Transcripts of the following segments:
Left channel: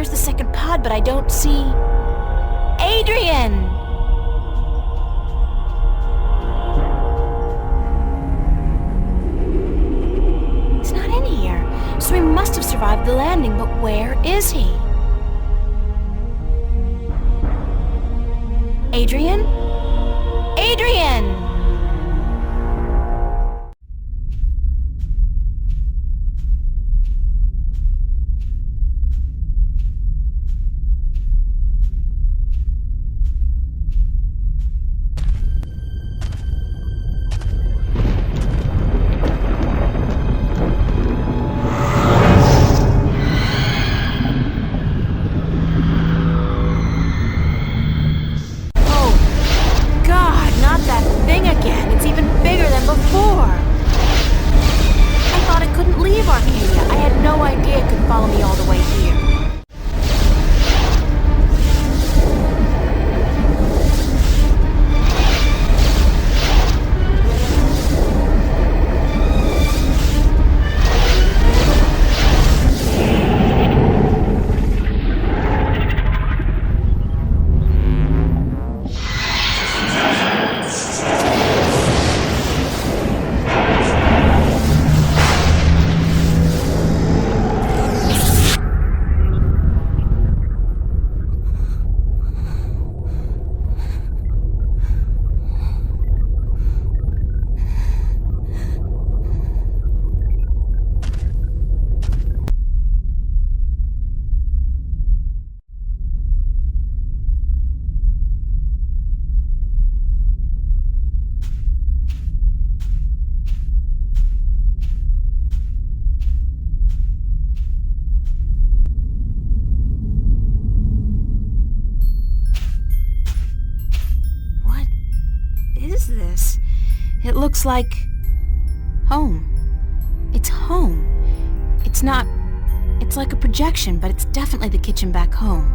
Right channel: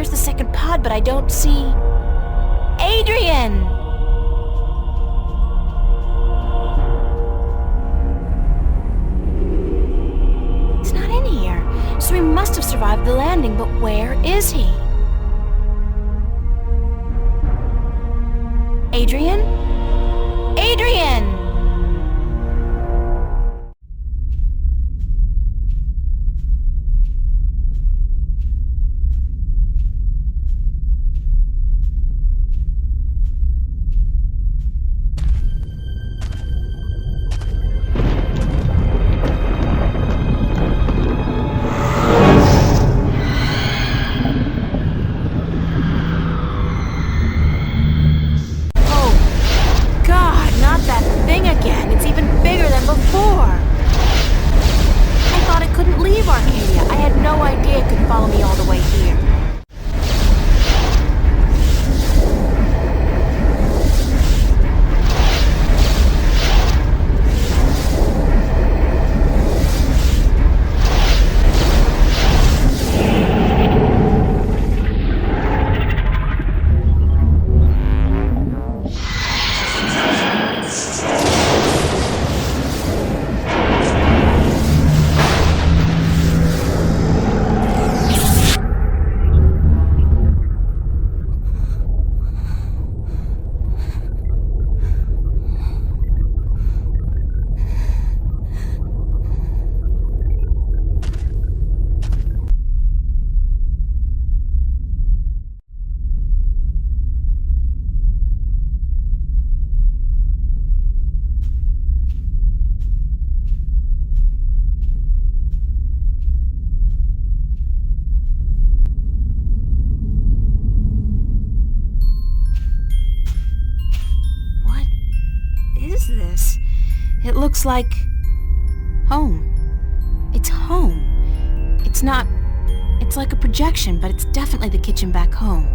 there's the second pod, but I don't see... Adrian! He's not in here, so he must have survived the landing, but where is he? Adrian? Adrian! Before. I thought it couldn't leave Arcadia. I had no idea it could follow me all the way here. This? It looks like... home. It's home. It's not... It's like a projection, but it's definitely the kitchen back home.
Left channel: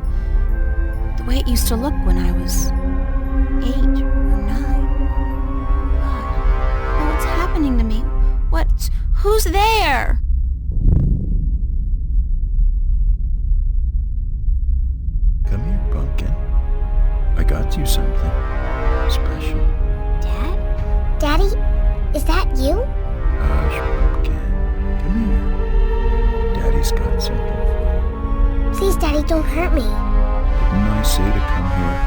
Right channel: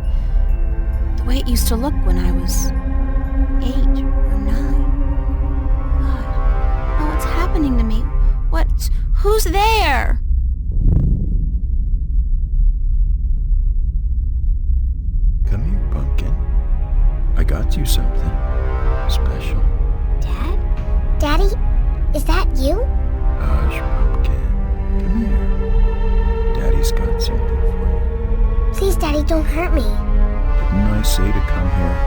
The way it used to look when I was 8 or 9. God. Oh, what's happening to me? What? Who's there? Come here, Pumpkin. I got you something special. Daddy, is that you? Hush, Pumpkin. Come here. Daddy's got something for you. Please, Daddy, don't hurt me. Didn't I say to come here?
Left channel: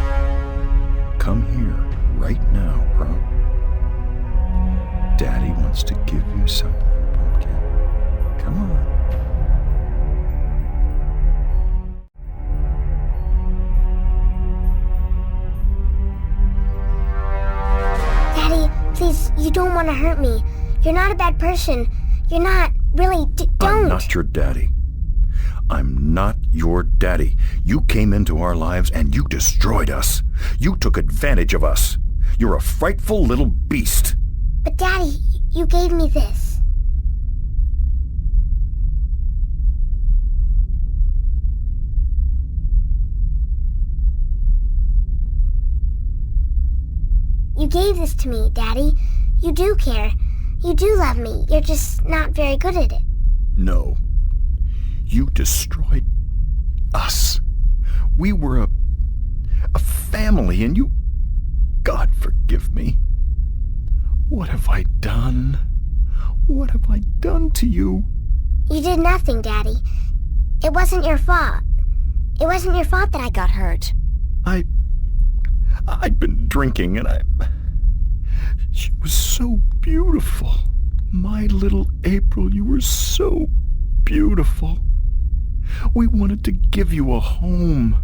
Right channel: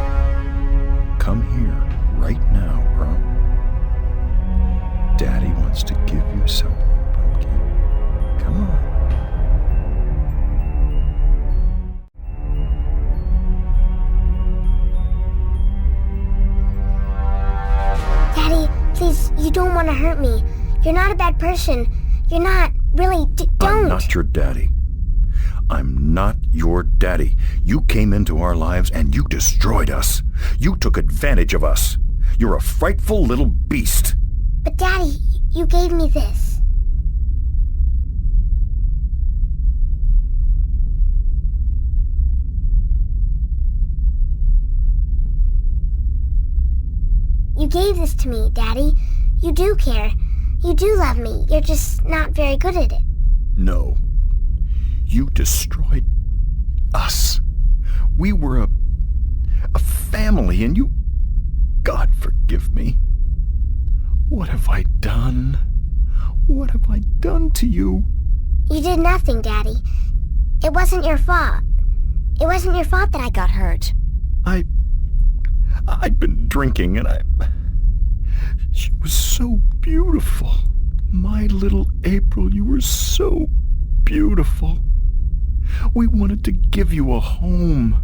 Come here, right now, bro. Daddy wants to give you something, Pumpkin. Come on. Please, you don't want to hurt me. You're not a bad person. You're not, really, don't. I'm not your daddy. I'm not your daddy. You came into our lives and you destroyed us. You took advantage of us. You're a frightful little beast. But Daddy, you gave me this. You gave this to me, Daddy. You do care. You do love me. You're just not very good at it. No. You destroyed us. We were a family, and you... God forgive me. What have I done? What have I done to you? You did nothing, Daddy. It wasn't your fault. It wasn't your fault that I got hurt. I'd been drinking, and she was so beautiful. My little April, you were so beautiful. We wanted to give you a home.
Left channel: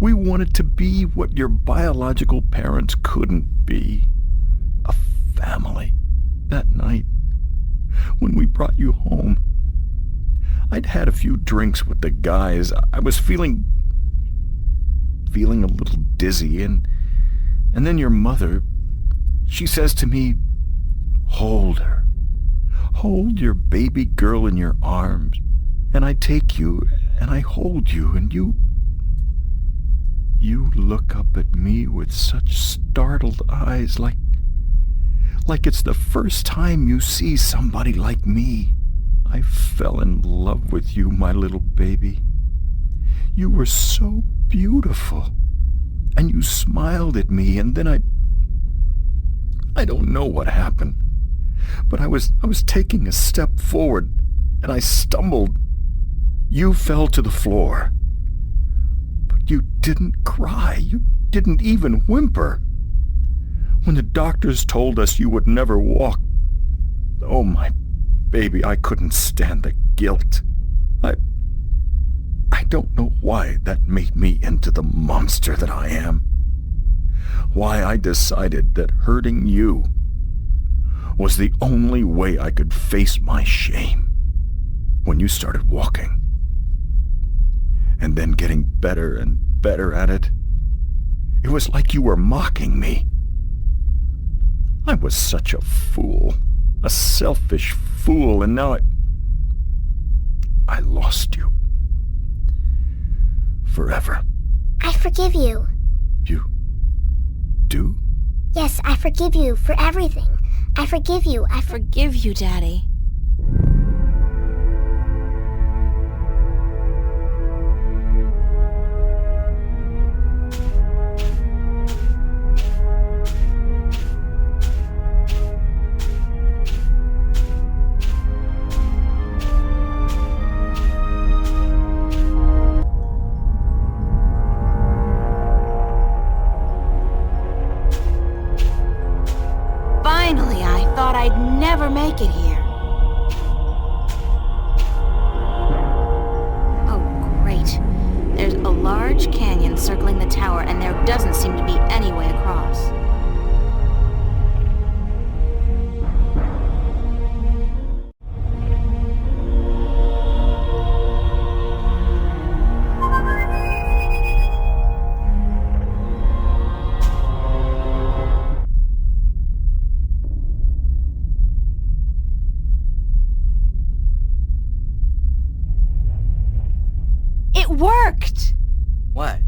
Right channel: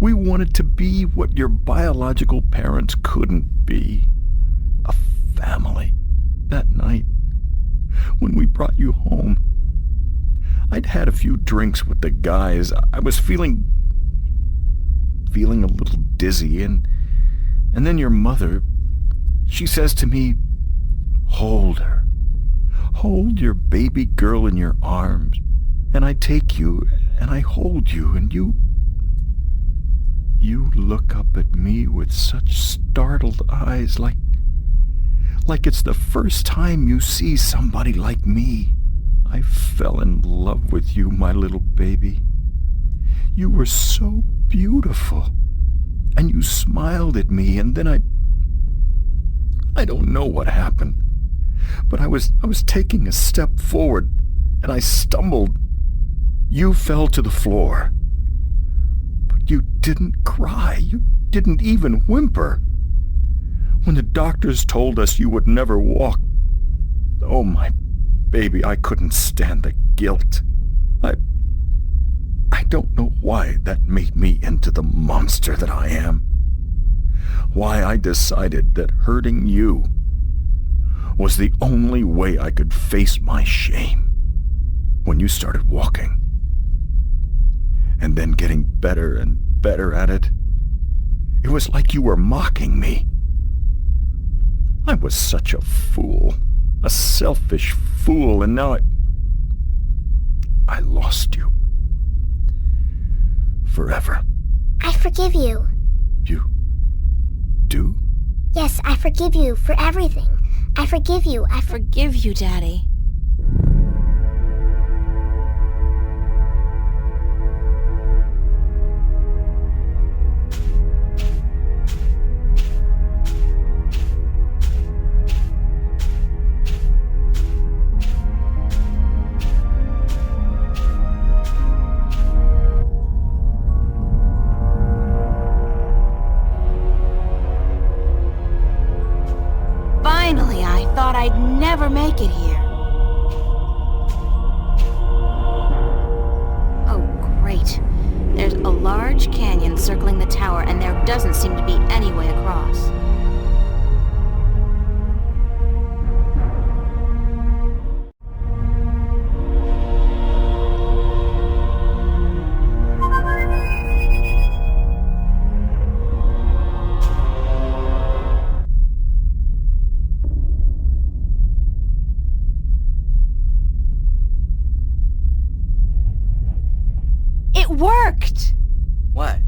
We wanted to be what your biological parents couldn't be. A family. That night, when we brought you home, I'd had a few drinks with the guys. I was feeling a little dizzy, and then your mother, she says to me, "Hold her. Hold your baby girl in your arms." And I take you, and I hold you, and you look up at me with such startled eyes, like it's the first time you see somebody like me. I fell in love with you, my little baby. You were so beautiful. And you smiled at me, and then I don't know what happened. But I was taking a step forward, and I stumbled. You fell to the floor. But you didn't cry. You didn't even whimper. When the doctors told us you would never walk, oh, my baby, I couldn't stand the guilt. I don't know why that made me into the monster that I am. Why I decided that hurting you was the only way I could face my shame. When you started walking, and then getting better and better at it, it was like you were mocking me. I was such a fool, a selfish fool, and now I lost you. Forever. I forgive you. You do? Yes, I forgive you for everything. I forgive you. I forgive you, Daddy. Finally, I thought I'd never make it here. Oh, great. There's a large canyon circling the tower, and there doesn't seem to be any way across. It worked! What?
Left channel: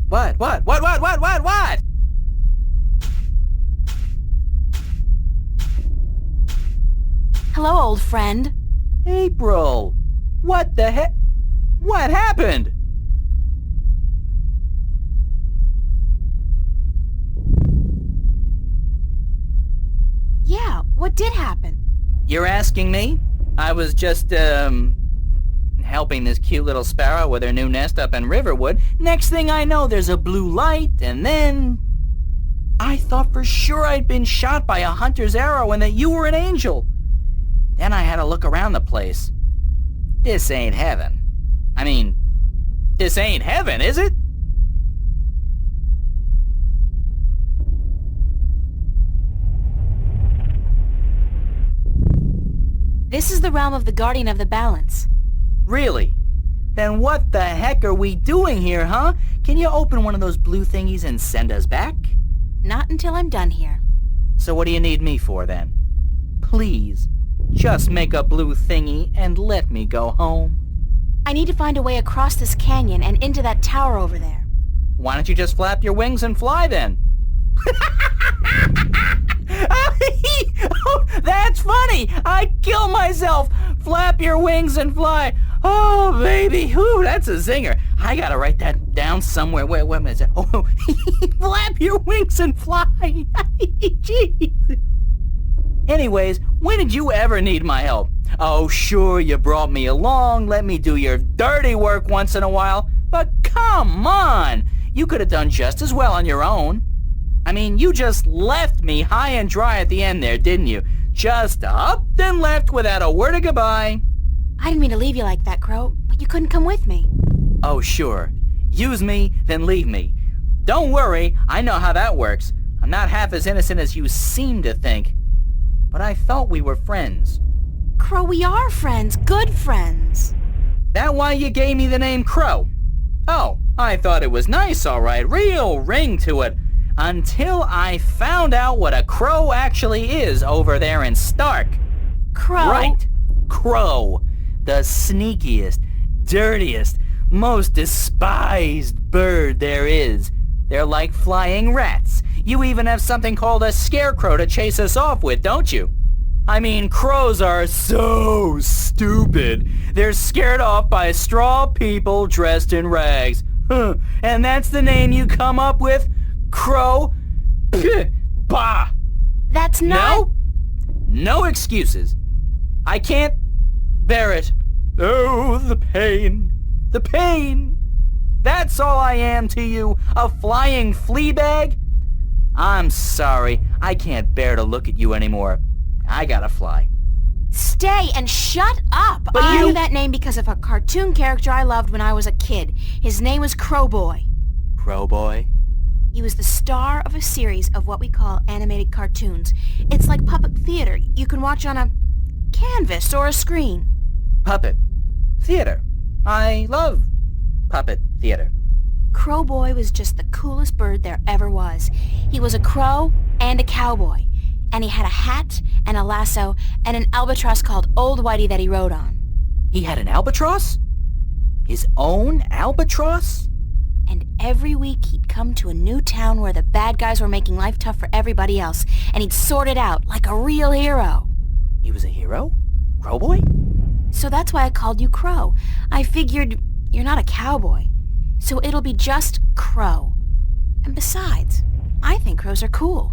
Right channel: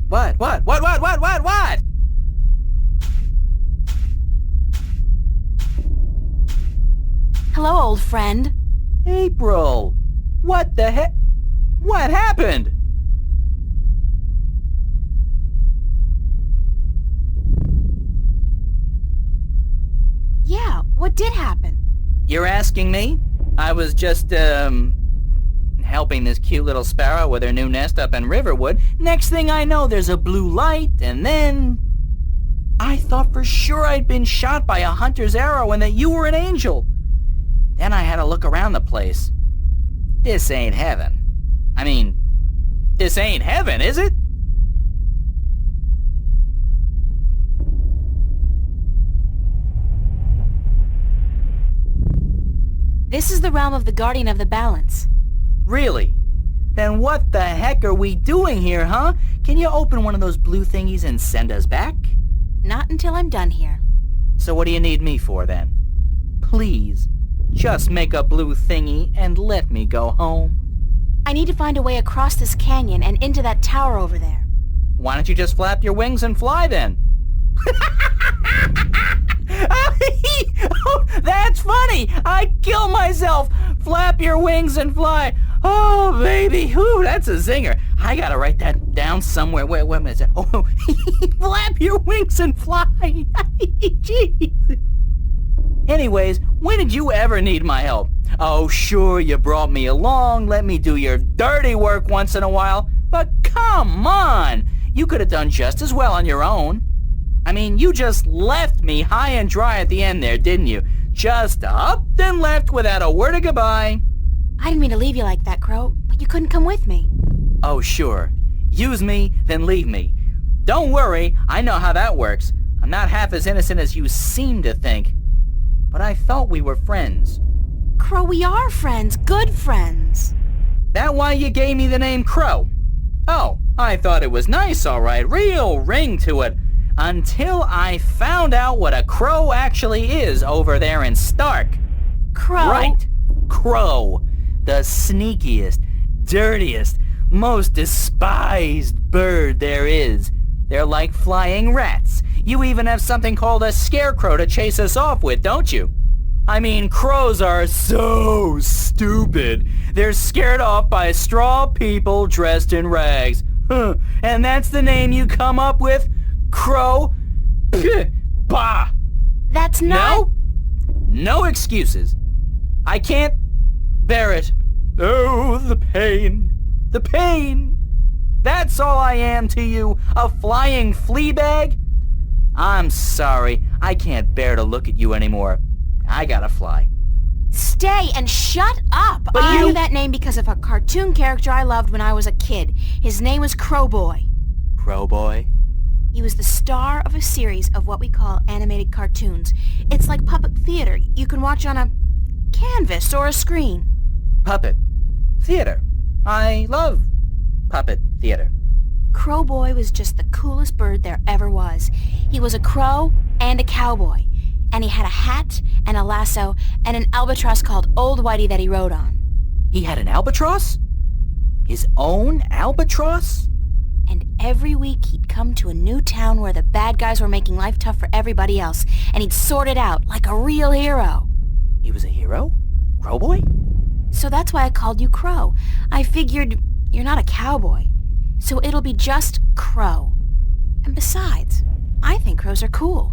Hello, old friend. April! What the heck? What happened? Yeah, what did happen? You're asking me? I was just, helping this cute little sparrow with her new nest up in Riverwood. Next thing I know, there's a blue light, and then I thought for sure I'd been shot by a hunter's arrow and that you were an angel. Then I had to look around the place. This ain't heaven. I mean, this ain't heaven, is it? This is the realm of the Guardian of the Balance. Really? Then what the heck are we doing here, huh? Can you open one of those blue thingies and send us back? Not until I'm done here. So what do you need me for then? Please, just make a blue thingy and let me go home. I need to find a way across this canyon and into that tower over there. Why don't you just flap your wings and fly then? Oh, that's funny! I'd kill myself! Flap your wings and fly! Oh, baby! Whew, that's a zinger. I gotta write that down somewhere. Wait a minute. Oh, flap your wings and fly! Jeez. Anyways, when did you ever need my help? Oh, sure, you brought me along, let me do your dirty work once in a while, but come on! You could have done just as well on your own. I mean, you just left me high and dry at the end there, didn't you? Just up and left without a word of goodbye. I didn't mean to leave you like that, Crow, but you couldn't come with me. Oh, sure. Use me, then leave me. Don't worry, I know how that works. I'm not half as innocent as you seem to think. But I thought we were friends. Crow, we are friends. Good friends. That why you gave me the name Crow? Oh, I thought it was nice, all right. Real ring to it. Until I found out what a crow actually is over there in Stark. Crow? Right. Crow. The sneakiest, dirtiest, most despised bird there is. They're like flying rats. You even have something called a scarecrow to chase us off with, don't you? I mean, crows are so stupid. They're scared off by straw people dressed in rags. And that's the name you come up with? Crow? Pah! Bah! That's not... No excuses. I can't bear it. Oh, the pain. The pain. That's all I am to you, a flying flea bag? I'm sorry, I can't bear to look at you anymore. I gotta fly. Stay and shut up! But I you- knew that name because of a cartoon character I loved when I was a kid. His name was Crowboy. Crowboy? He was the star of a series of what we call animated cartoons. It's like puppet theater you can watch on a canvas or a screen. Puppet. Theater. I love puppet theater. Crowboy was just the coolest bird there ever was. He was a crow and a cowboy. And he had a hat and a lasso and an albatross called Old Whitey that he rode on. He had an albatross? His own albatross? And every week he'd come to a new town where the bad guys were making life tough for everybody else, and he'd sort it out like a real hero. He was a hero? Crowboy? So that's why I called you Crow. I figured you're not a cowboy, so it'll be just Crow. And besides, I think crows are cool.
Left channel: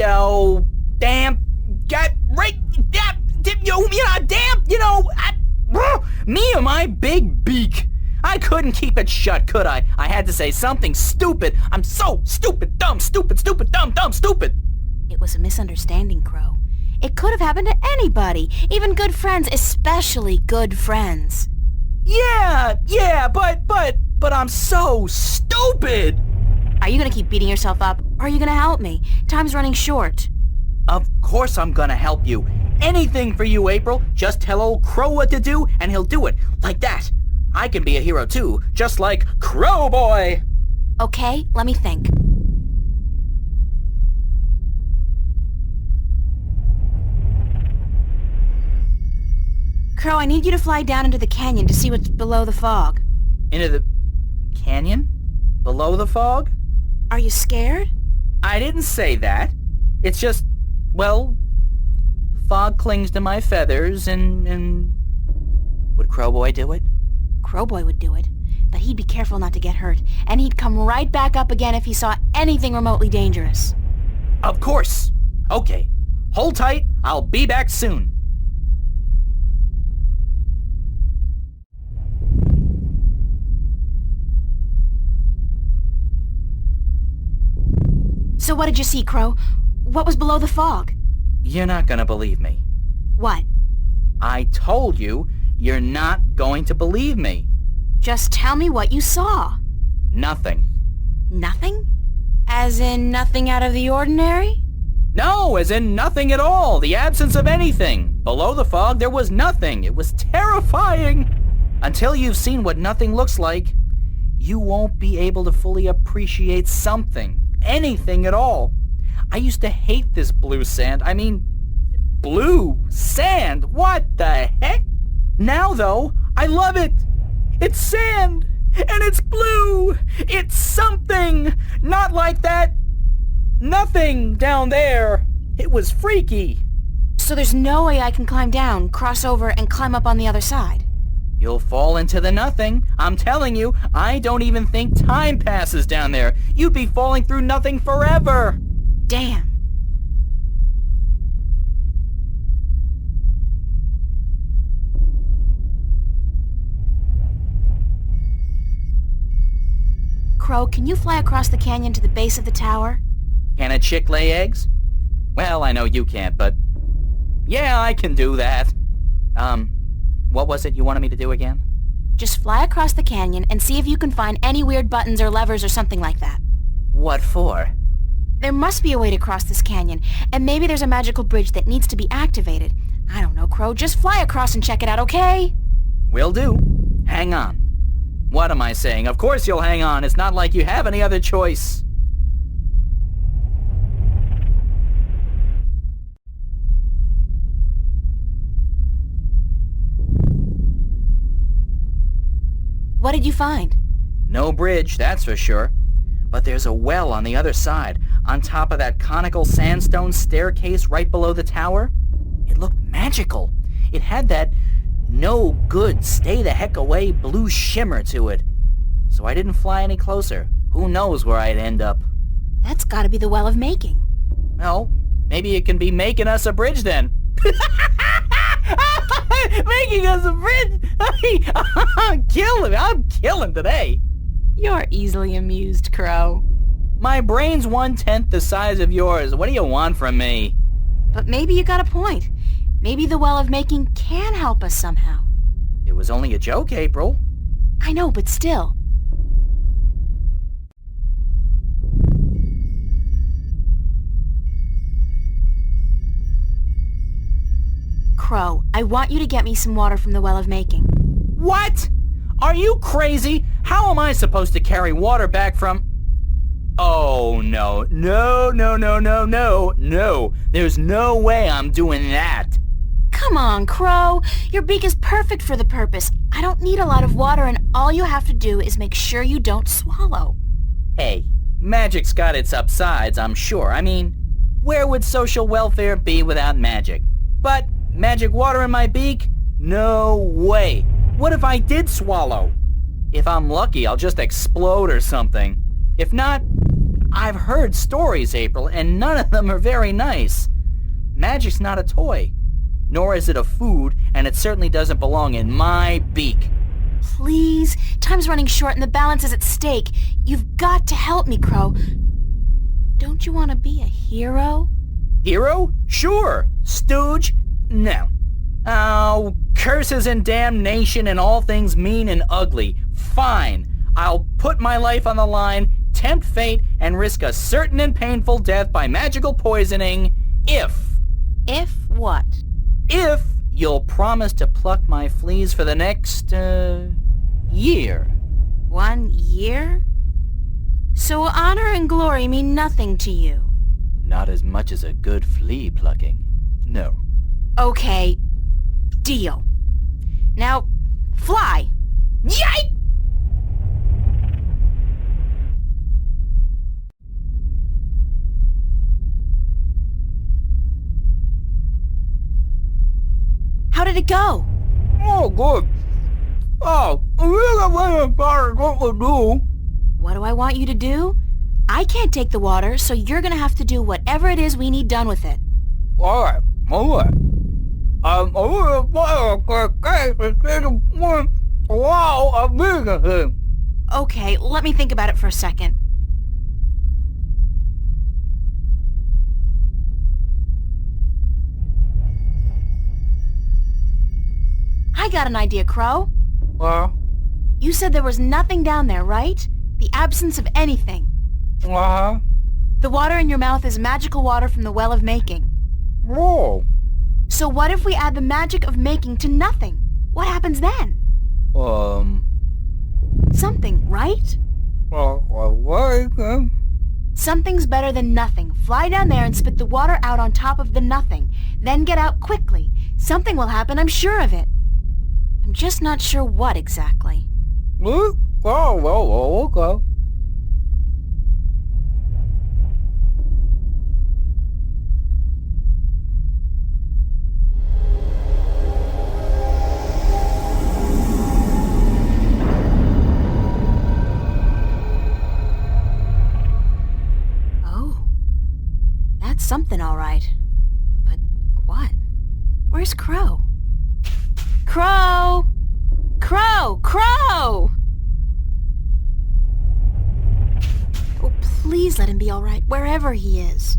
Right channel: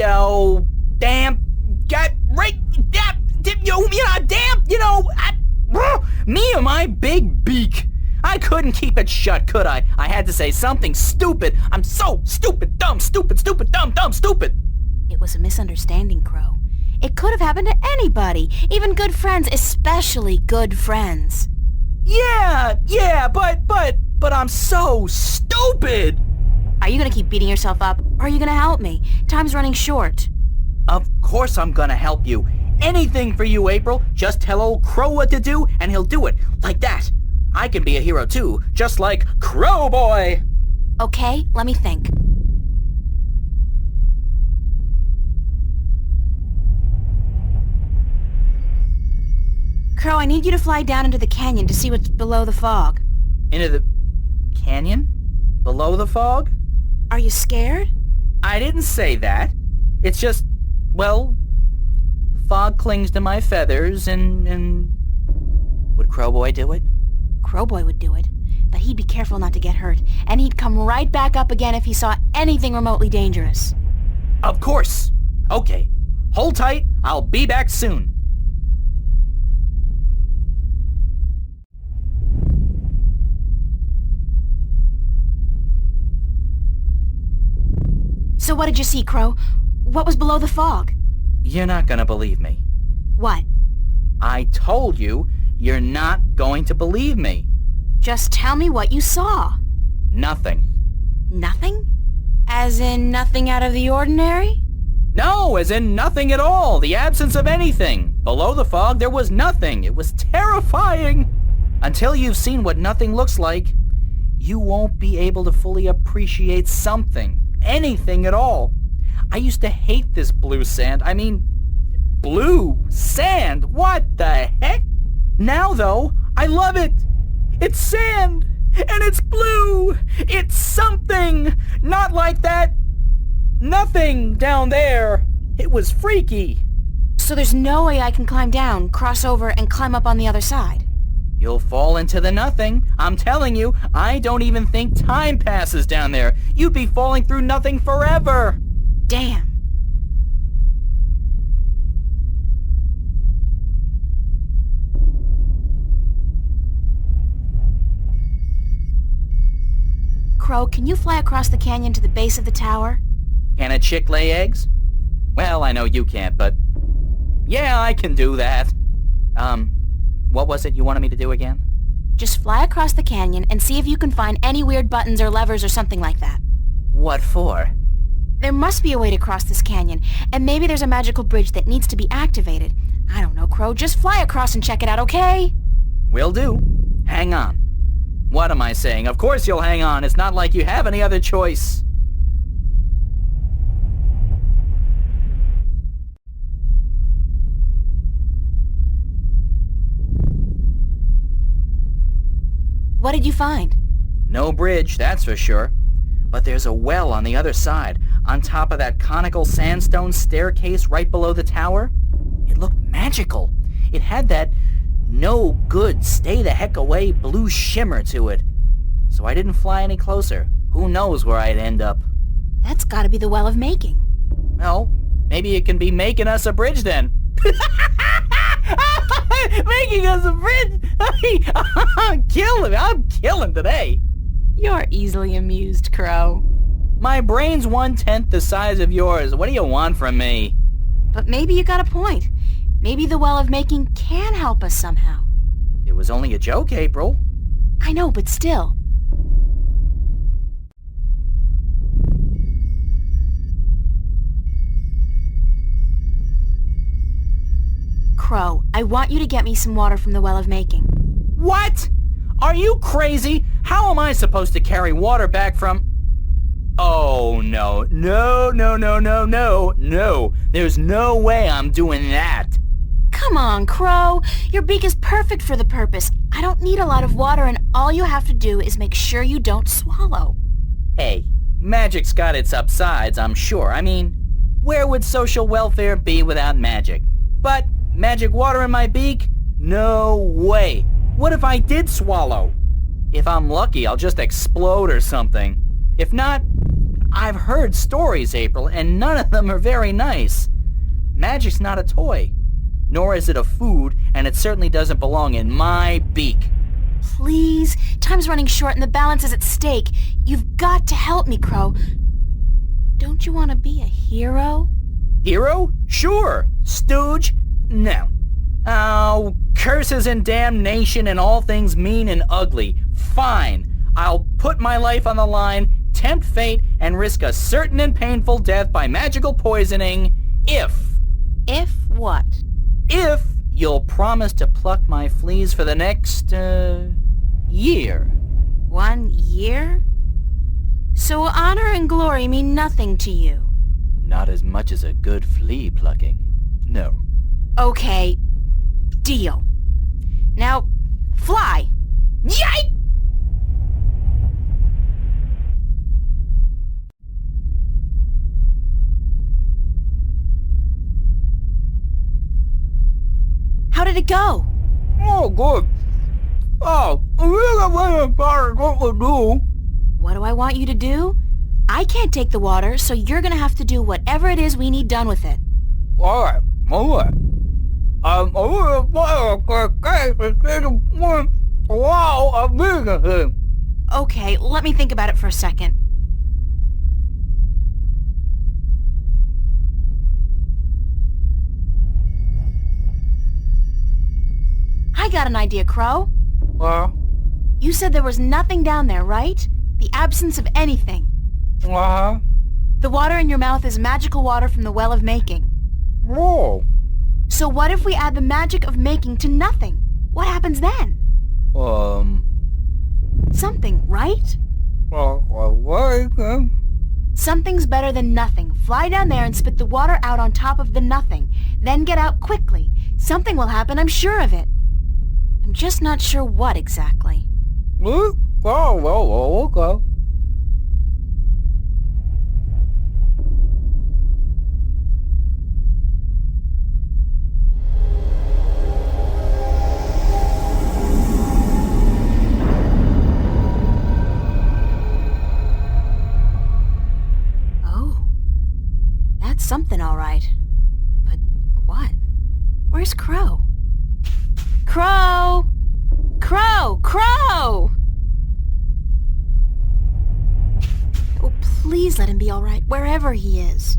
Oh, damn. Got right. Me and my big beak. I couldn't keep it shut, could I? I had to say something stupid. I'm so stupid, dumb, stupid, dumb, stupid. It was a misunderstanding, Crow. It could have happened to anybody, even good friends, especially good friends. Yeah, but I'm so stupid. Are you gonna keep beating yourself up, or are you gonna help me? Time's running short. Of course I'm gonna help you. Anything for you, April. Just tell old Crow what to do, and he'll do it. Like that. I can be a hero too, just like Crowboy. Okay, let me think. Crow, I need you to fly down into the canyon to see what's below the fog. Into the canyon? Below the fog? Are you scared? I didn't say that. It's just, well, fog clings to my feathers and... Would Crowboy do it? Crowboy would do it, but he'd be careful not to get hurt, and he'd come right back up again if he saw anything remotely dangerous. Of course. Okay. Hold tight. I'll be back soon. So what did you see, Crow? What was below the fog? You're not gonna believe me. What? I told you, you're not going to believe me. Just tell me what you saw. Nothing. Nothing? As in nothing out of the ordinary? No, as in nothing at all. The absence of anything. Below the fog, there was nothing. It was terrifying. Until you've seen what nothing looks like, you won't be able to fully appreciate something. Anything at all. I used to hate this blue sand. I mean, blue sand. What the heck? Now, though, I love it. It's sand, and it's blue. It's something. Not like that nothing down there. It was freaky. So there's no way I can climb down, cross over, and climb up on the other side? You'll fall into the nothing. I'm telling you, I don't even think time passes down there. You'd be falling through nothing forever. Damn. Crow, can you fly across the canyon to the base of the tower? Can a chick lay eggs? Well, I know you can't, but... yeah, I can do that. What was it you wanted me to do again? Just fly across the canyon and see if you can find any weird buttons or levers or something like that. What for? There must be a way to cross this canyon, and maybe there's a magical bridge that needs to be activated. I don't know, Crow. Just fly across and check it out, okay? Will do. Hang on. What am I saying? Of course you'll hang on. It's not like you have any other choice. What did you find? No bridge, that's for sure. But there's a well on the other side, on top of that conical sandstone staircase right below the tower. It looked magical. It had that no good, stay the heck away blue shimmer to it. so I didn't fly any closer. Who knows where I'd end up? That's gotta be the Well of Making. Well, maybe it can be making us a bridge then. Making us a bridge? I'm killing today. You're easily amused, Crow. My brain's 1/10 the size of yours. What do you want from me? But maybe you got a point. Maybe the Well of Making can help us somehow. It was only a joke, April. I know, but still. Crow, I want you to get me some water from the Well of Making. What? Are you crazy? How am I supposed to carry water back from... Oh, no. No. There's no way I'm doing that. Come on, Crow. Your beak is perfect for the purpose. I don't need a lot of water, and all you have to do is make sure you don't swallow. Hey, magic's got its upsides, I'm sure. I mean, where would social welfare be without magic? But magic water in my beak? No way. What if I did swallow? If I'm lucky, I'll just explode or something. If not, I've heard stories, April, and none of them are very nice. Magic's not a toy. Nor is it a food, and it certainly doesn't belong in my beak. Please, time's running short and the balance is at stake. You've got to help me, Crow. Don't you want to be a hero? Hero? Sure. Stooge? No. Oh, curses and damnation and all things mean and ugly. Fine. I'll put my life on the line, tempt fate, and risk a certain and painful death by magical poisoning if... If what? If you'll promise to pluck my fleas for the next, year. 1 year? So honor and glory mean nothing to you? Not as much as a good flea plucking. No. Okay. Deal. Now, fly. Yike! How did it go? Oh, good. Oh, I really what to do. What do I want you to do? I can't take the water, so you're gonna have to do whatever it is we need done with it. Alright. Okay, let me think about it for a second. I got an idea, Crow. You said there was nothing down there, right? The absence of anything. The water in your mouth is magical water from the Well of Making. Oh. So what if we add the magic of making to nothing? What happens then? Something, right? Something's better than nothing. Fly down there and spit the water out on top of the nothing. Then get out quickly. Something will happen, I'm sure of it. I'm just not sure what exactly. Okay. Oh. That's something, all right. But what? Where's Crow? Crow! Crow! Crow! Oh, please let him be all right, wherever he is.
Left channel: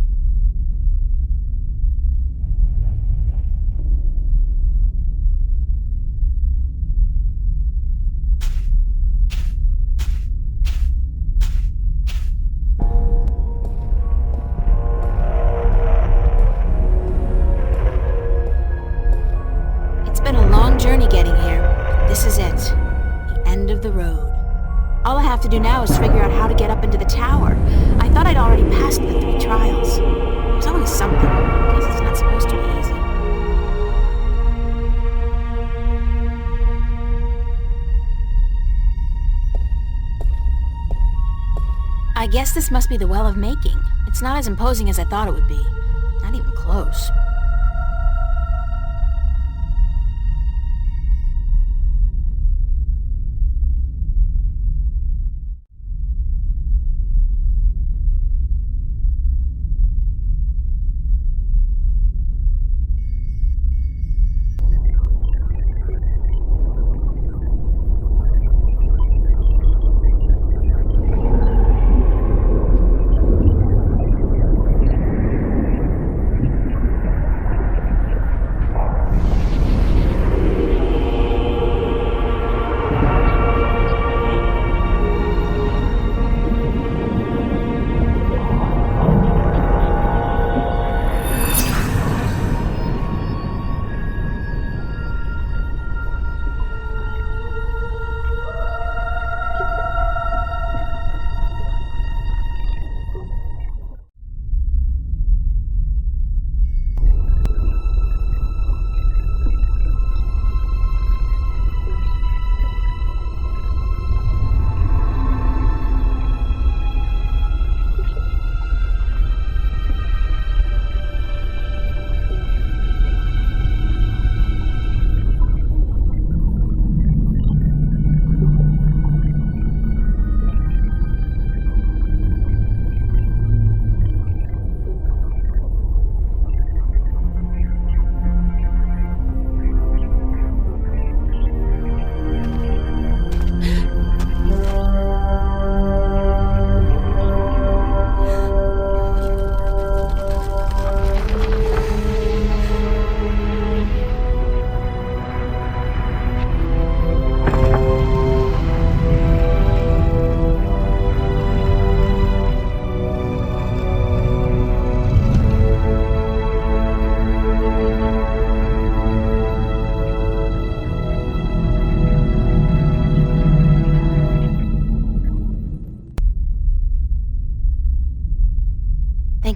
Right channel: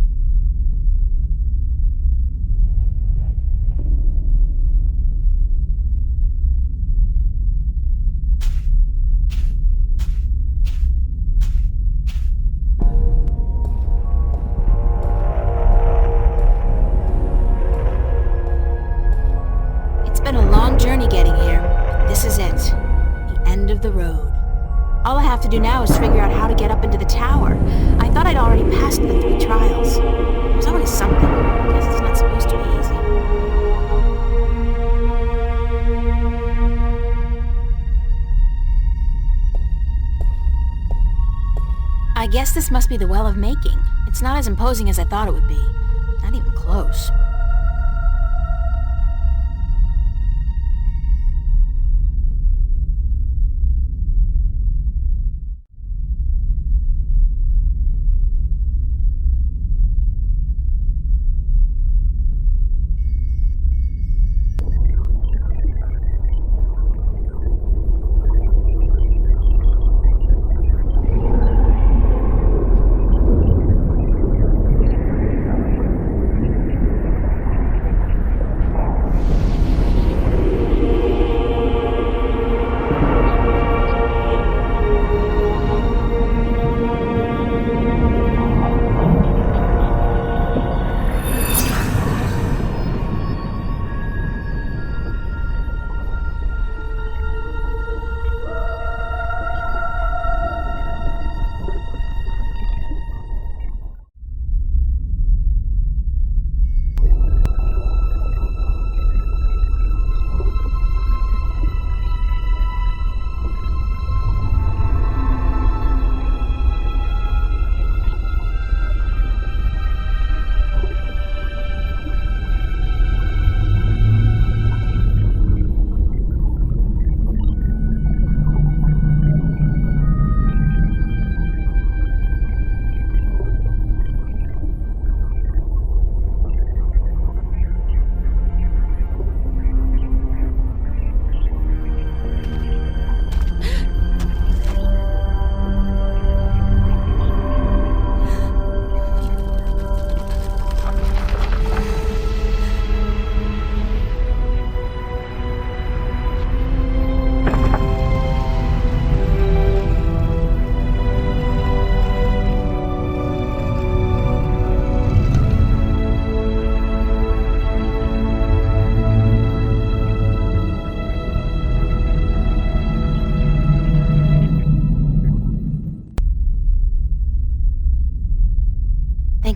It's been a long journey getting here, but this is it. The end of the road. All I have to do now is figure out how to get up into the tower. I thought I'd already passed the 3 trials. There's always something. I guess it's not supposed to be easy. I guess this must be the Well of Making. It's not as imposing as I thought it would be. Not even close.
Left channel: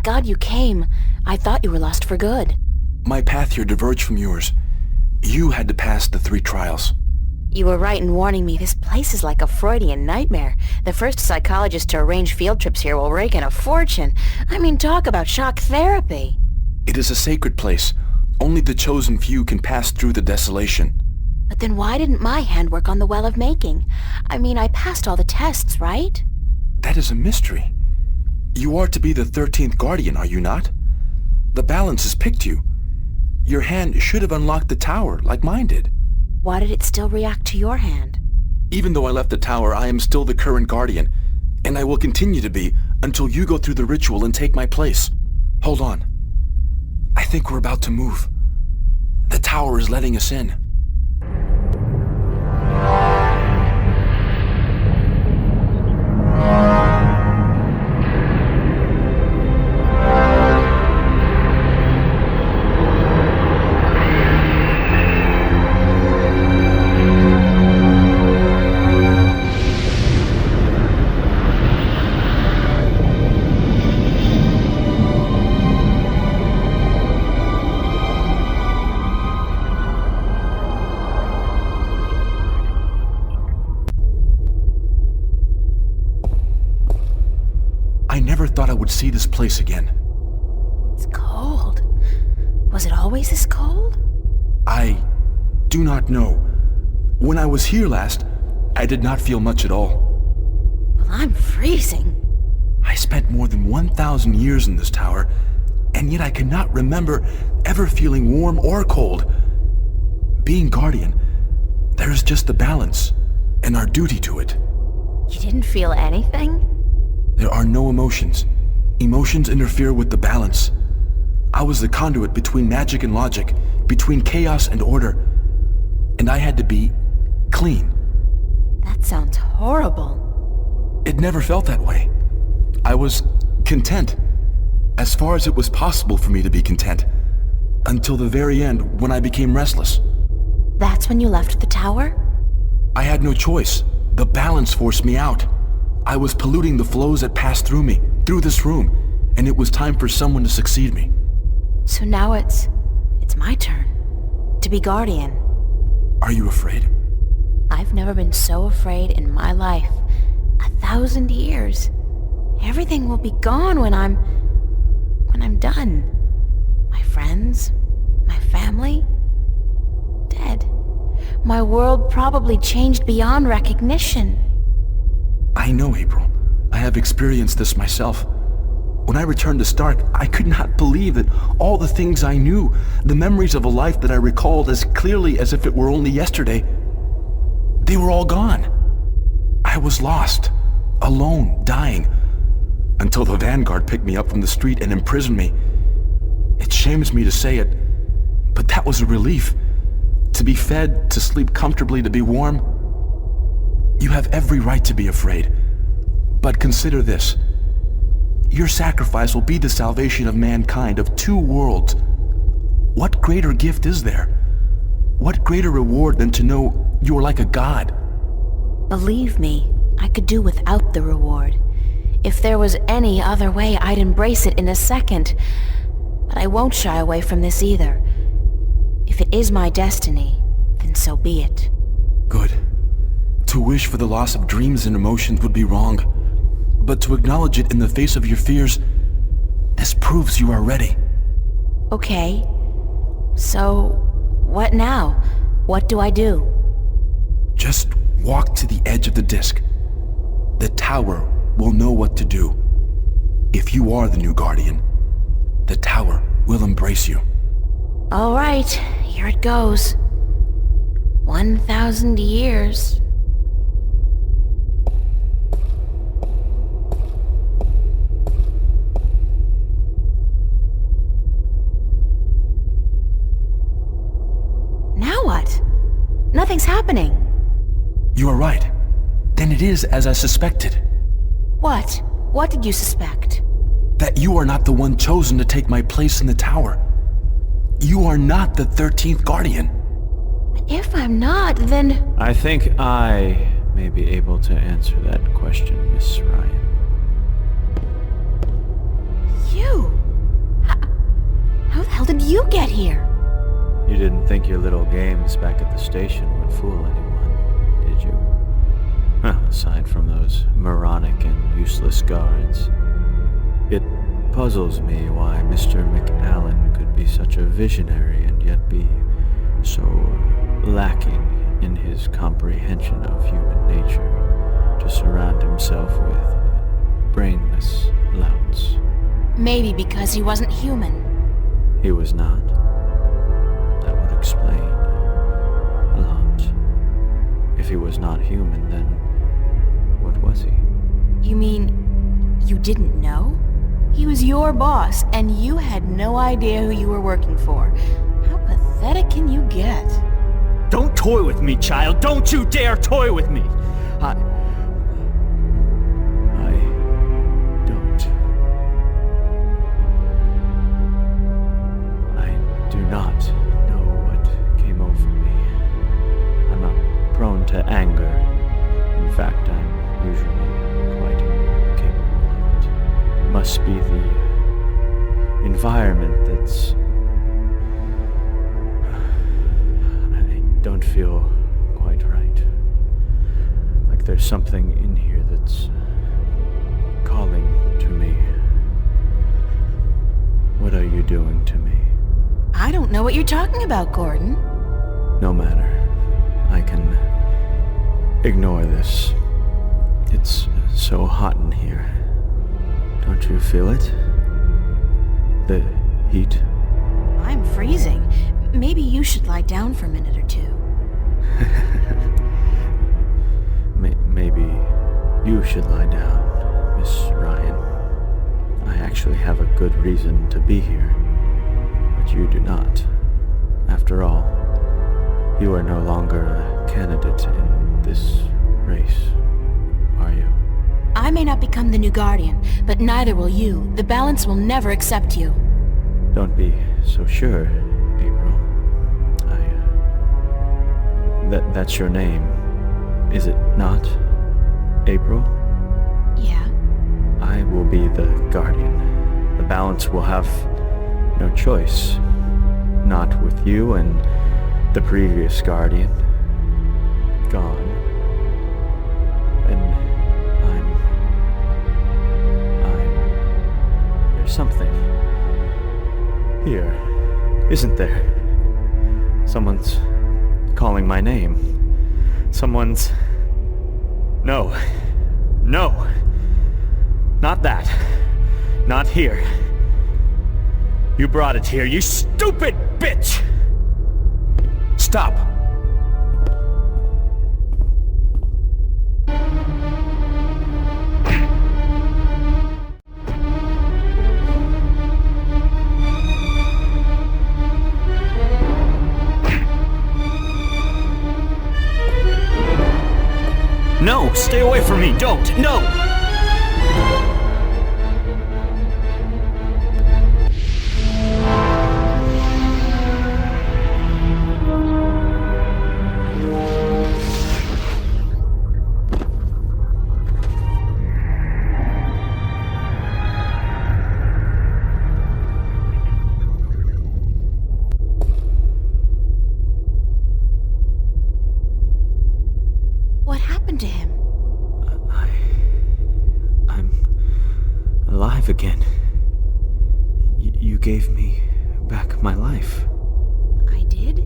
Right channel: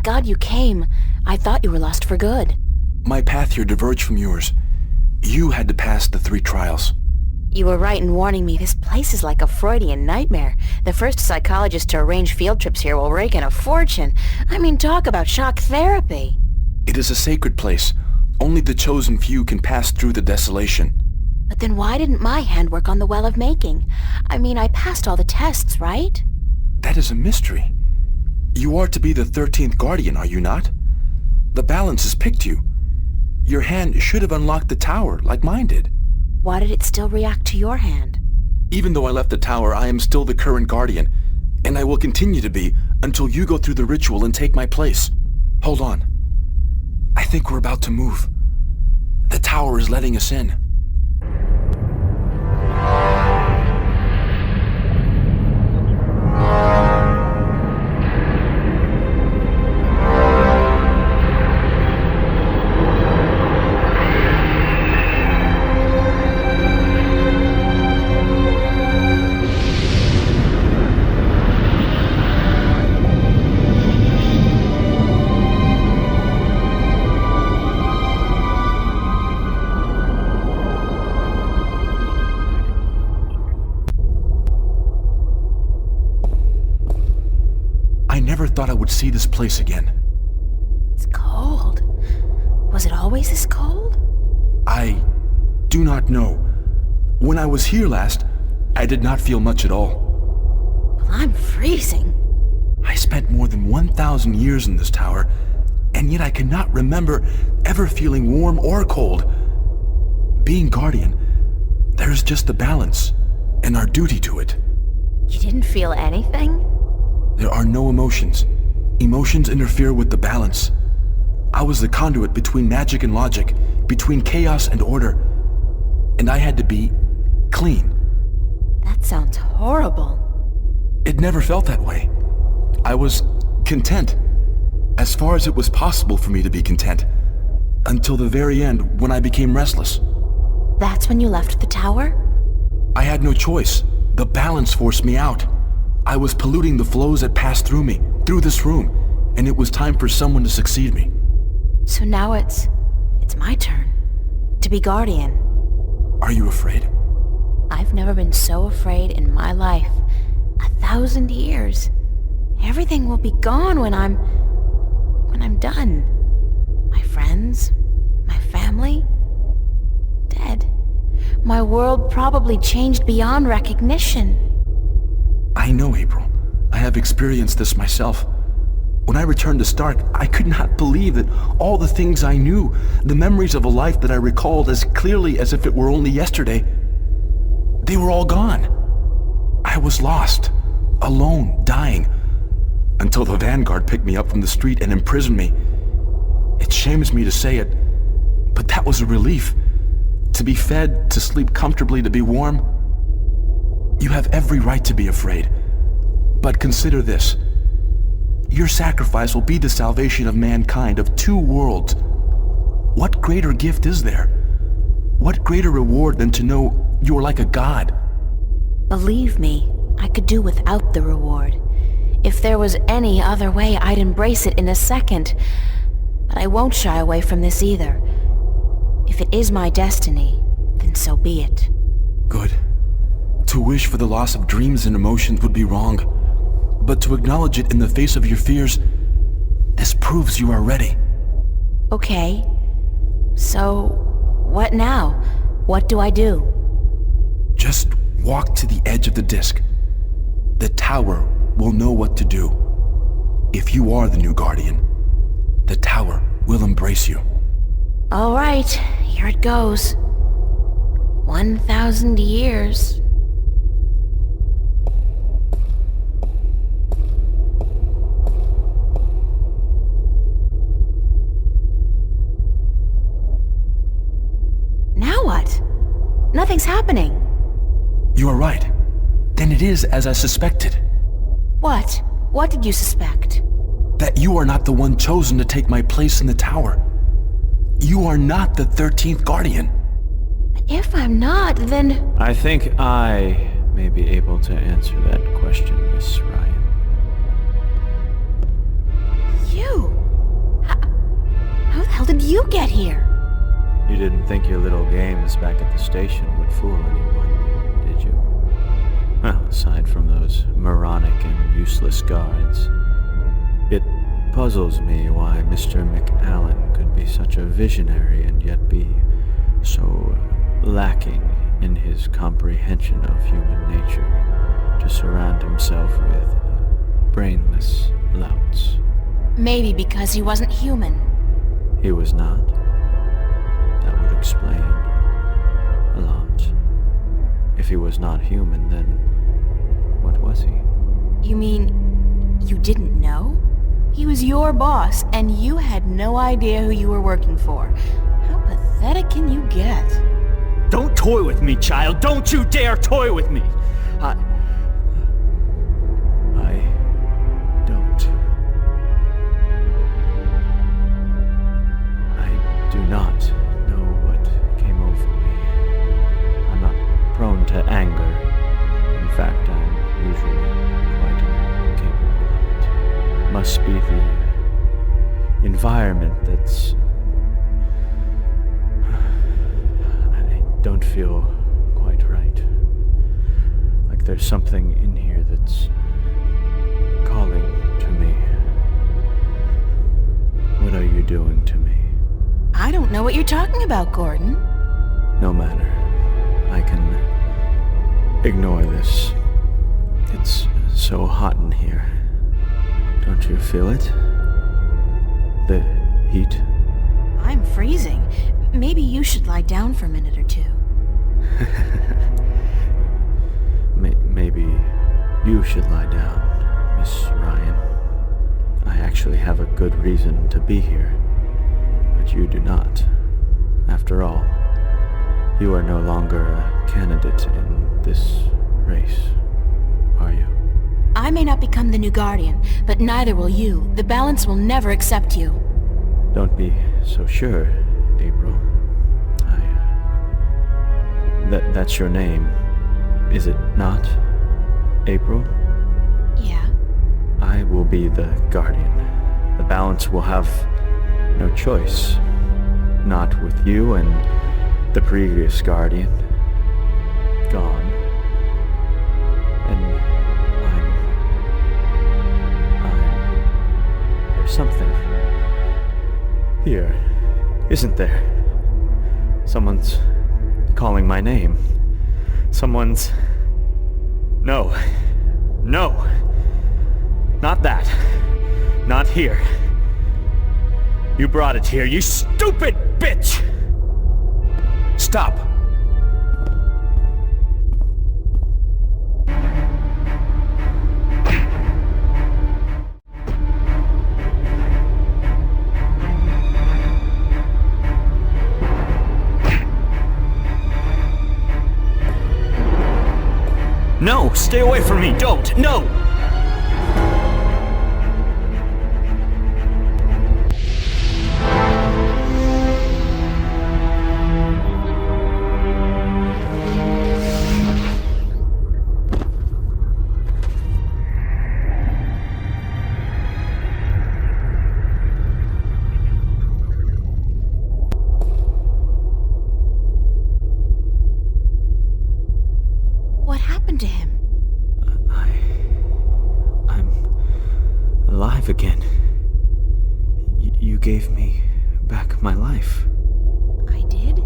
Thank God you came. I thought you were lost for good. My path here diverged from yours. You had to pass the 3 trials. You were right in warning me. This place is like a Freudian nightmare. The first psychologist to arrange field trips here will rake in a fortune. I mean, talk about shock therapy. It is a sacred place. Only the chosen few can pass through the desolation. But then why didn't my hand work on the Well of Making? I mean, I passed all the tests, right? That is a mystery. You are to be the 13th Guardian, are you not? The balance has picked you. Your hand should have unlocked the tower, like mine did. Why did it still react to your hand? Even though I left the tower, I am still the current Guardian, and I will continue to be until you go through the ritual and take my place. Hold on. I think we're about to move. The tower is letting us in. I never thought I would see this place again. It's cold. Was it always this cold? I do not know. When I was here last, I did not feel much at all. Well, I'm freezing. I spent more than 1,000 years in this tower, and yet I cannot remember ever feeling warm or cold. Being Guardian, there is just the balance, and our duty to it. You didn't feel anything? There are no emotions. Emotions interfere with the balance. I was the conduit between magic and logic, between chaos and order, and I had to be clean. That sounds horrible. It never felt that way. I was content, as far as it was possible for me to be content, until the very end when I became restless. That's when you left the tower? I had no choice. The balance forced me out. I was polluting the flows that passed through me, through this room, and it was time for someone to succeed me. So now it's my turn. To be Guardian. Are you afraid? I've never been so afraid in my life. 1,000 years. Everything will be gone when I'm done. My friends, my family, dead. My world probably changed beyond recognition. I know, April. I have experienced this myself. When I returned to Stark, I could not believe that all the things I knew, the memories of a life that I recalled as clearly as if it were only yesterday, they were all gone. I was lost, alone, dying, until the Vanguard picked me up from the street and imprisoned me. It shames me to say it, but that was a relief. To be fed, to sleep comfortably, to be warm. You have every right to be afraid. But consider this. Your sacrifice will be the salvation of mankind, of 2 worlds. What greater gift is there? What greater reward than to know you are like a god? Believe me, I could do without the reward. If there was any other way, I'd embrace it in a second. But I won't shy away from this either. If it is my destiny, then so be it. Good. To wish for the loss of dreams and emotions would be wrong. But to acknowledge it in the face of your fears, this proves you are ready. Okay. So, what now? What do I do? Just walk to the edge of the disc. The tower will know what to do. If you are the new Guardian, the tower will embrace you. All right, here it goes. 1,000 years. Now what? Nothing's happening. You are right. Then it is as I suspected. What? What did you suspect? That you are not the one chosen to take my place in the tower. You are not the 13th Guardian. If I'm not, then... I think I may be able to answer that question, Miss Ryan. You! hell did you get here? You didn't think your little games back at the station would fool anyone, did you? Well, aside from those moronic and useless guards. It puzzles me why Mr. McAllen could be such a visionary and yet be so lacking in his comprehension of human nature to surround himself with brainless louts. Maybe because he wasn't human. He was not. That would explain a lot. If he was not human, then what was he? You mean you didn't know? He was your boss, and you had no idea who you were working for. How pathetic can you get? Don't toy with me, child! Don't you dare toy with me! I don't. I do not know what came over me. I'm not prone to anger. In fact, I'm usually quite incapable of it. Must be the environment that's... I don't feel quite right. Like there's something in here that's calling to me. What are you doing to me? I don't know what you're talking about, Gordon. No matter. I can ignore this. It's so hot in here. Don't you feel it? The heat? I'm freezing. Maybe you should lie down for a minute or two. Maybe you should lie down, Miss Ryan. I actually have a good reason to be here, but you do not. After all, you are no longer a candidate in this race, are you? I may not become the new Guardian, but neither will you. The balance will never accept you. Don't be so sure, April. That's your name, is it not? April? Yeah? I will be the Guardian. The balance will have no choice. Not with you and the previous Guardian. Gone. And there's something here, isn't there? Someone's calling my name. Someone's... No. No. Not that. Not here. You brought it here, you stupid bitch! Stop! No! Stay away from me! Don't! No! What happened to him? I'm alive again. You gave me back my life. I did?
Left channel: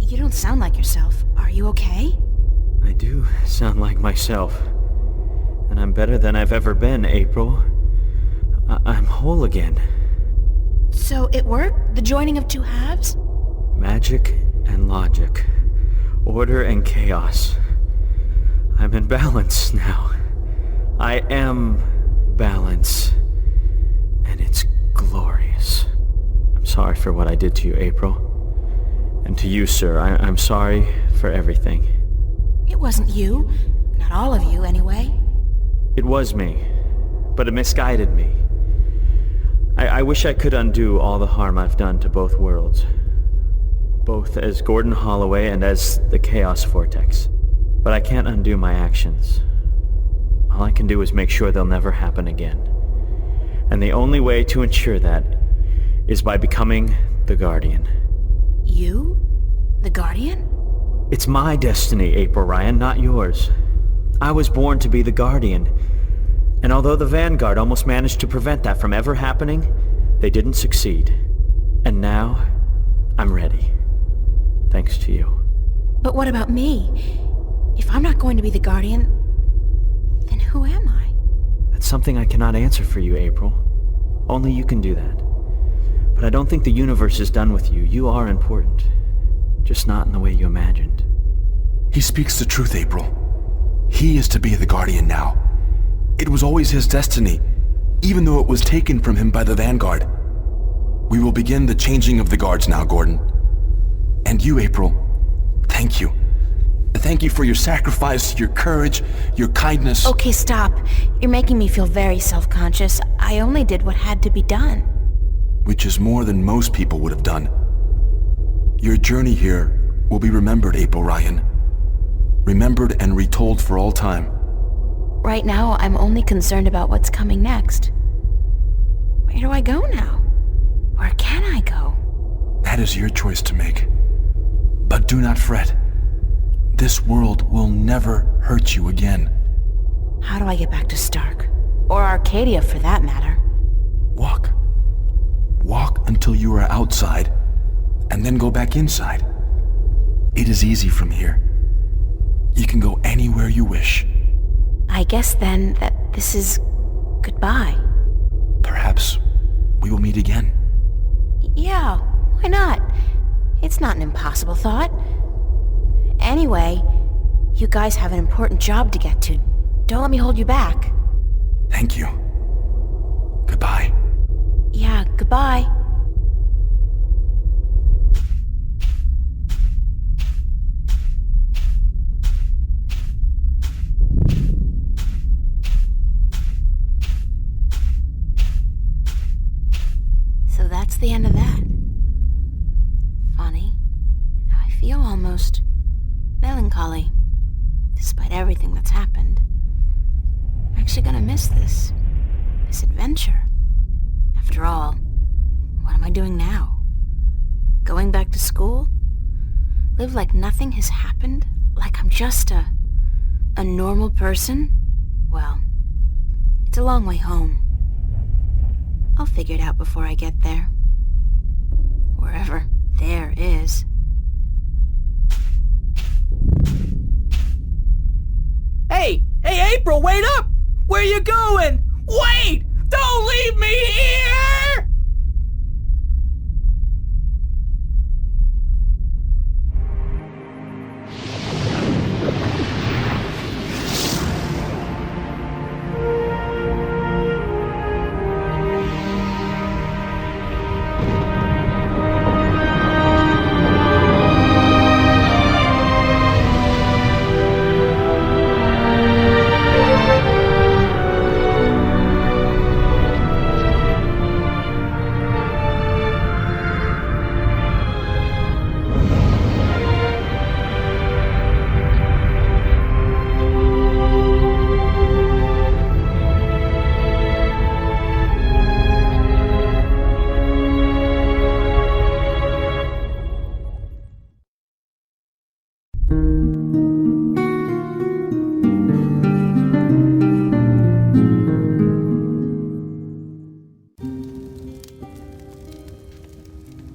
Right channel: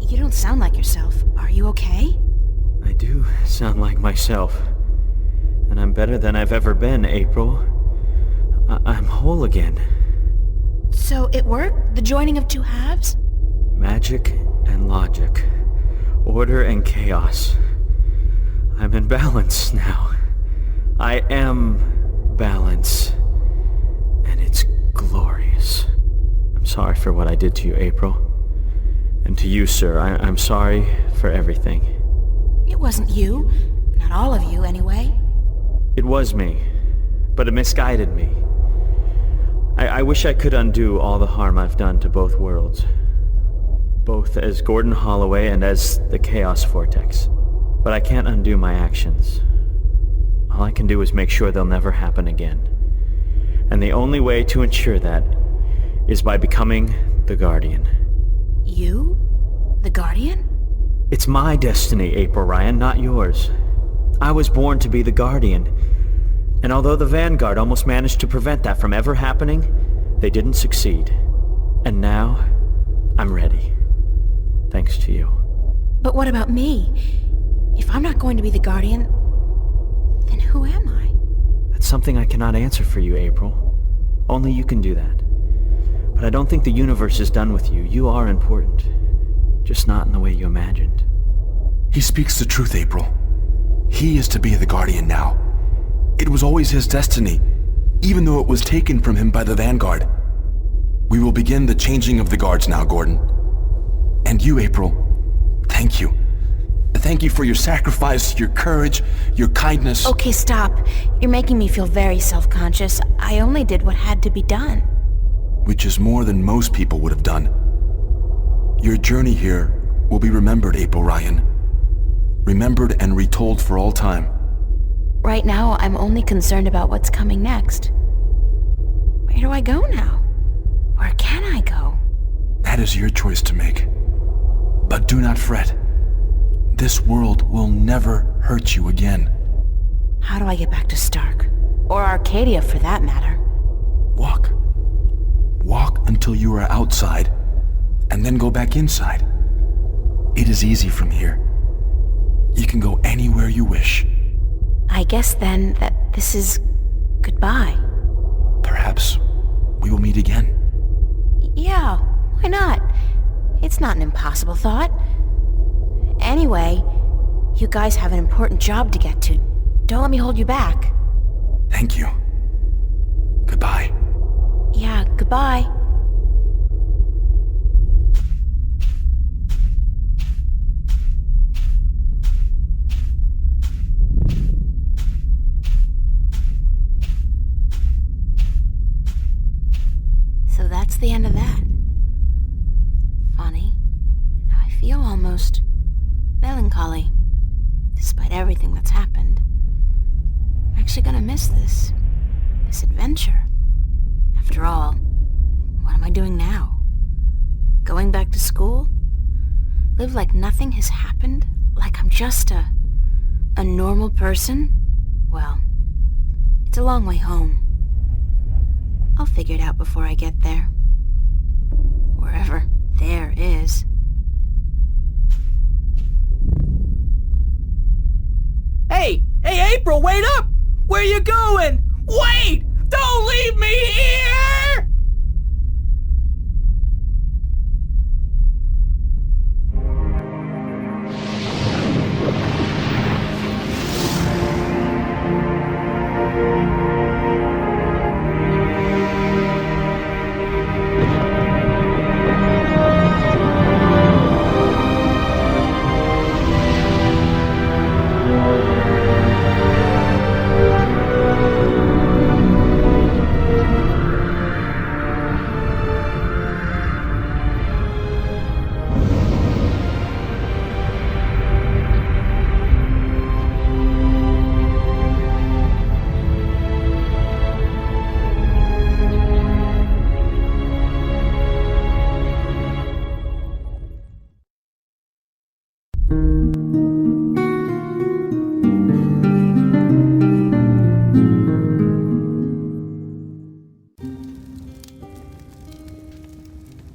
You don't sound like yourself. Are you okay? I do sound like myself. And I'm better than I've ever been, April. I'm whole again. So it worked? The joining of two halves? Magic and logic. Order and chaos. I'm in balance now. I am balance. And it's glorious. I'm sorry for what I did to you, April. And to you, sir, I'm sorry for everything. It wasn't you. Not all of you, anyway. It was me, but it misguided me. I wish I could undo all the harm I've done to both worlds. Both as Gordon Holloway and as the Chaos Vortex. But I can't undo my actions. All I can do is make sure they'll never happen again. And the only way to ensure that is by becoming the Guardian. You? The Guardian? It's my destiny, April Ryan, not yours. I was born to be the Guardian. And although the Vanguard almost managed to prevent that from ever happening, they didn't succeed. And now, I'm ready. Thanks to you. But what about me? If I'm not going to be the Guardian, then who am I? That's something I cannot answer for you, April. Only you can do that. But I don't think the universe is done with you. You are important. Just not in the way you imagined. He speaks the truth, April. He is to be the Guardian now. It was always his destiny, even though it was taken from him by the Vanguard. We will begin the changing of the guards now, Gordon. And you, April, thank you. Thank you for your sacrifice, your courage, your kindness. Okay, stop. You're making me feel very self-conscious. I only did what had to be done. Which is more than most people would have done. Your journey here will be remembered, April Ryan. Remembered and retold for all time. Right now, I'm only concerned about what's coming next. Where do I go now? Where can I go? That is your choice to make. But do not fret. This world will never hurt you again. How do I get back to Stark? Or Arcadia, for that matter. Walk. Walk until you are outside, and then go back inside. It is easy from here. You can go anywhere you wish. I guess then that this is goodbye. Perhaps we will meet again. Yeah, why not? It's not an impossible thought. Anyway, you guys have an important job to get to. Don't let me hold you back. Thank you. Goodbye. Yeah, goodbye. So that's the end of that. Funny. I feel almost melancholy, despite everything that's happened. I'm actually gonna miss this adventure. After all, what am I doing now? Going back to school? Live like nothing has happened? Like I'm just a normal person? Well, it's a long way home. I'll figure it out before I get there. Wherever there is. Hey, April, wait up! Where you going? Wait! Don't leave me here!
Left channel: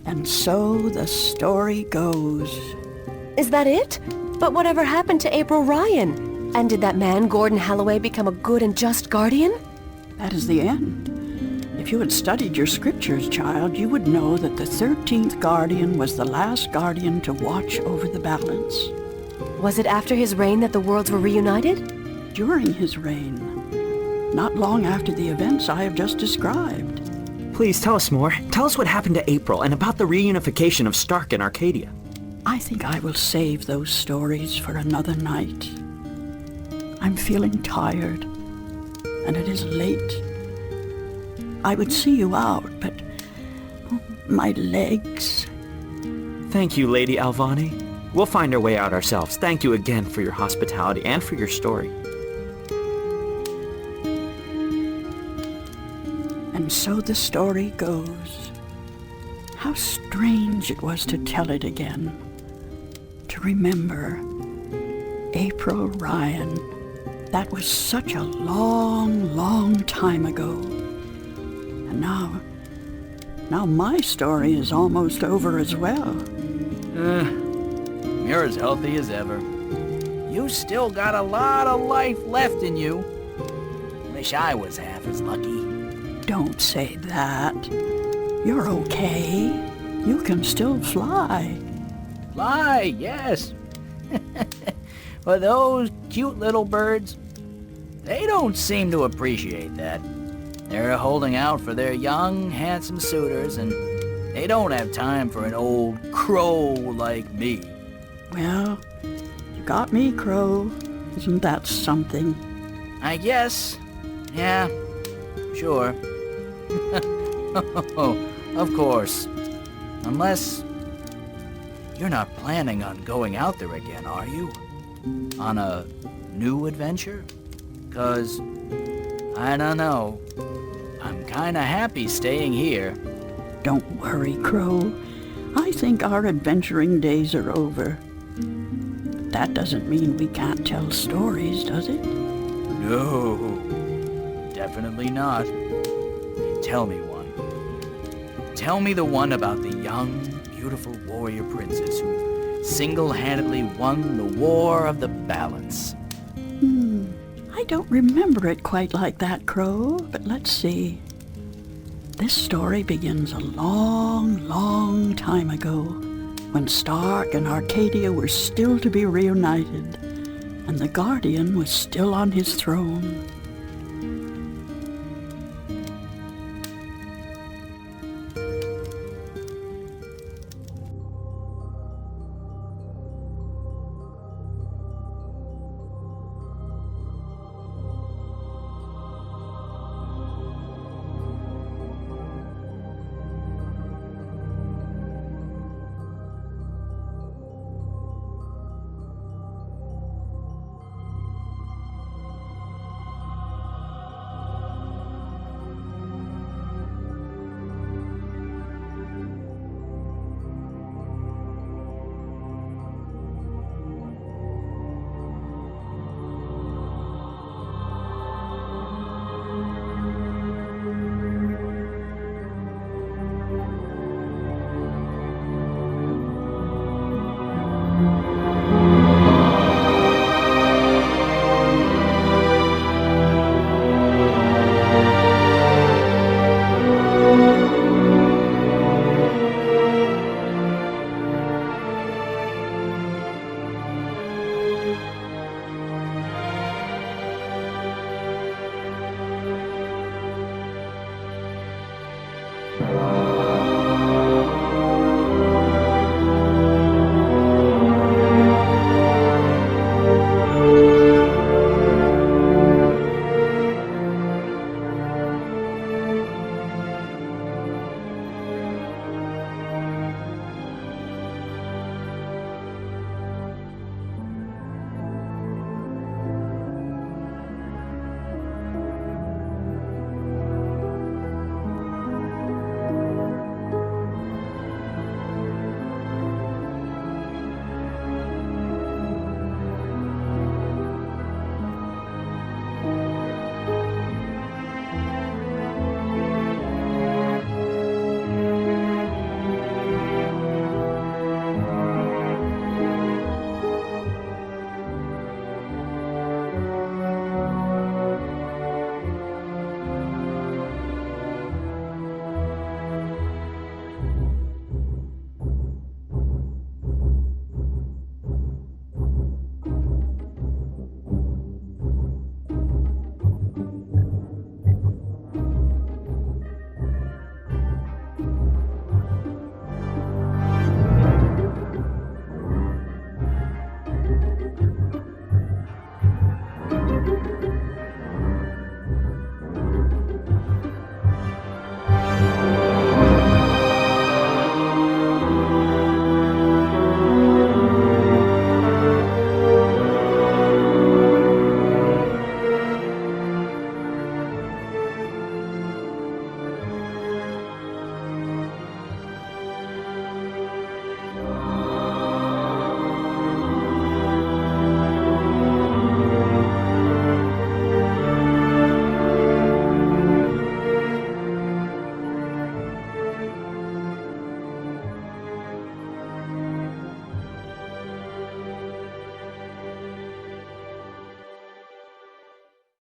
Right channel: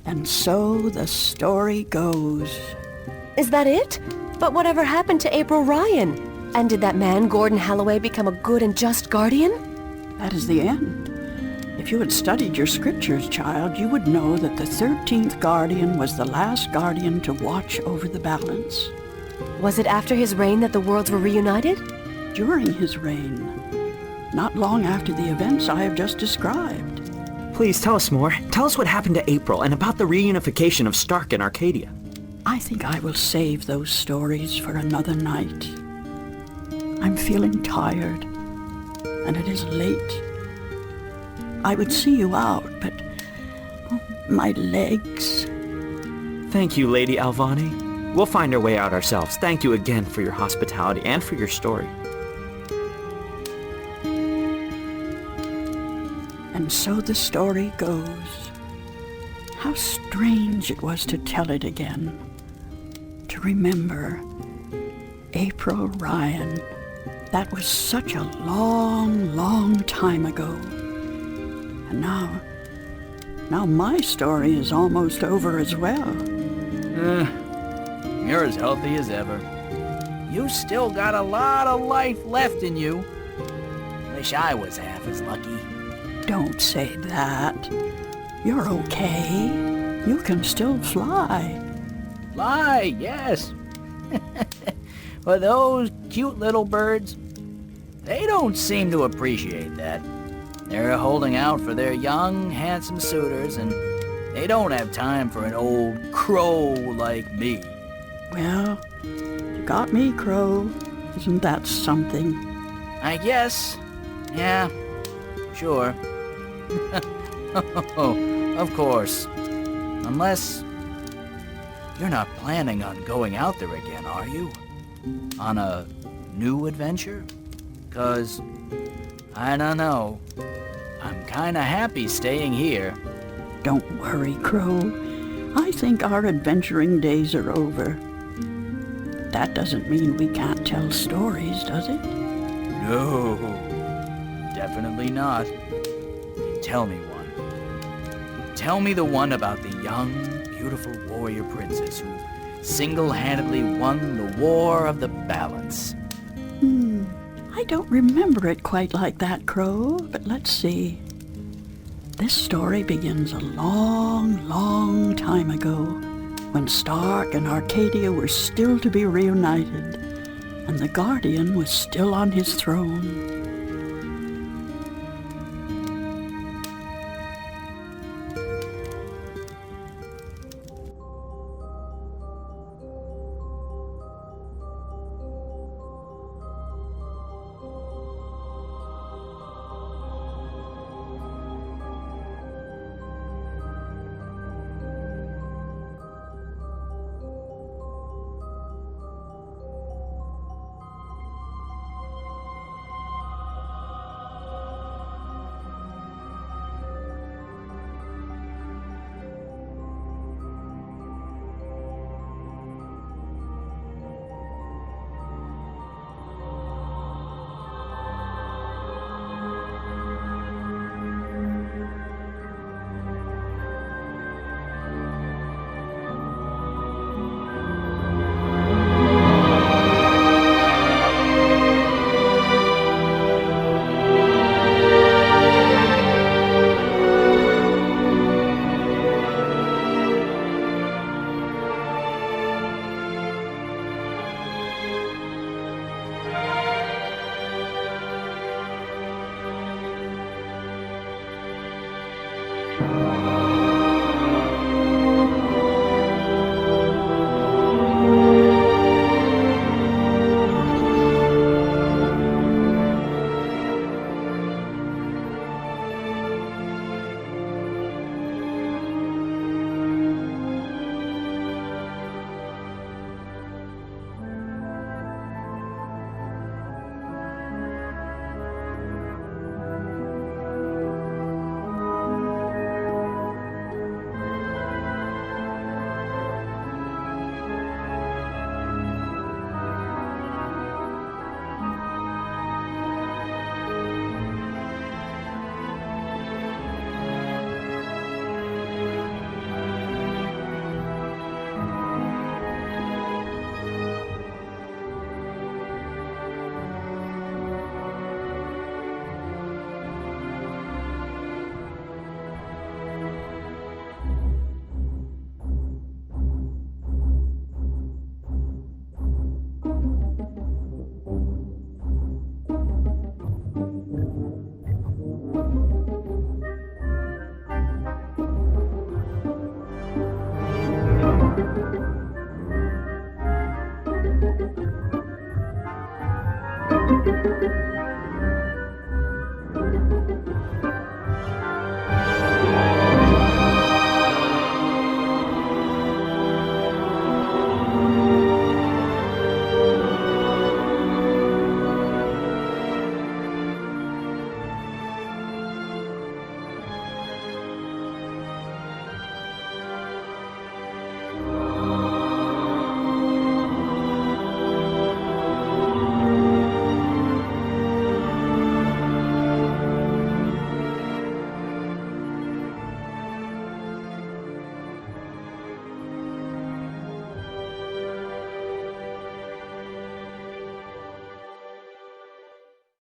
And so the story goes. Is that it? But whatever happened to April Ryan? And did that man, Gordon Holloway, become a good and just guardian? That is the end. If you had studied your scriptures, child, you would know that the 13th guardian was the last guardian to watch over the balance. Was it after his reign that the worlds were reunited? During his reign. Not long after the events I have just described. Please tell us more. Tell us what happened to April and about the reunification of Stark and Arcadia. I think I will save those stories for another night. I'm feeling tired, and it is late. I would see you out, but my legs... Thank you, Lady Alvani. We'll find our way out ourselves. Thank you again for your hospitality and for your story. And so the story goes. How strange it was to tell it again. To remember April Ryan. That was such a long, long time ago. And now my story is almost over as well. You're as healthy as ever. You still got a lot of life left in you. Wish I was half as lucky. Don't say that. You're okay. You can still fly. Fly, yes. But those cute little birds, they don't seem to appreciate that. They're holding out for their young, handsome suitors, and they don't have time for an old crow like me. Well, you got me, Crow. Isn't that something? I guess. Yeah, sure. Oh, of course. Unless you're not planning on going out there again, are you? On a new adventure? 'Cause, I don't know. I'm kinda happy staying here. Don't worry, Crow. I think our adventuring days are over. But that doesn't mean we can't tell stories, does it? No, definitely not. Tell me one. Tell me the one about the young, beautiful warrior princess who single-handedly won the War of the Balance. I don't remember it quite like that, Crow, but let's see. This story begins a long, long time ago, when Stark and Arcadia were still to be reunited, and the Guardian was still on his throne.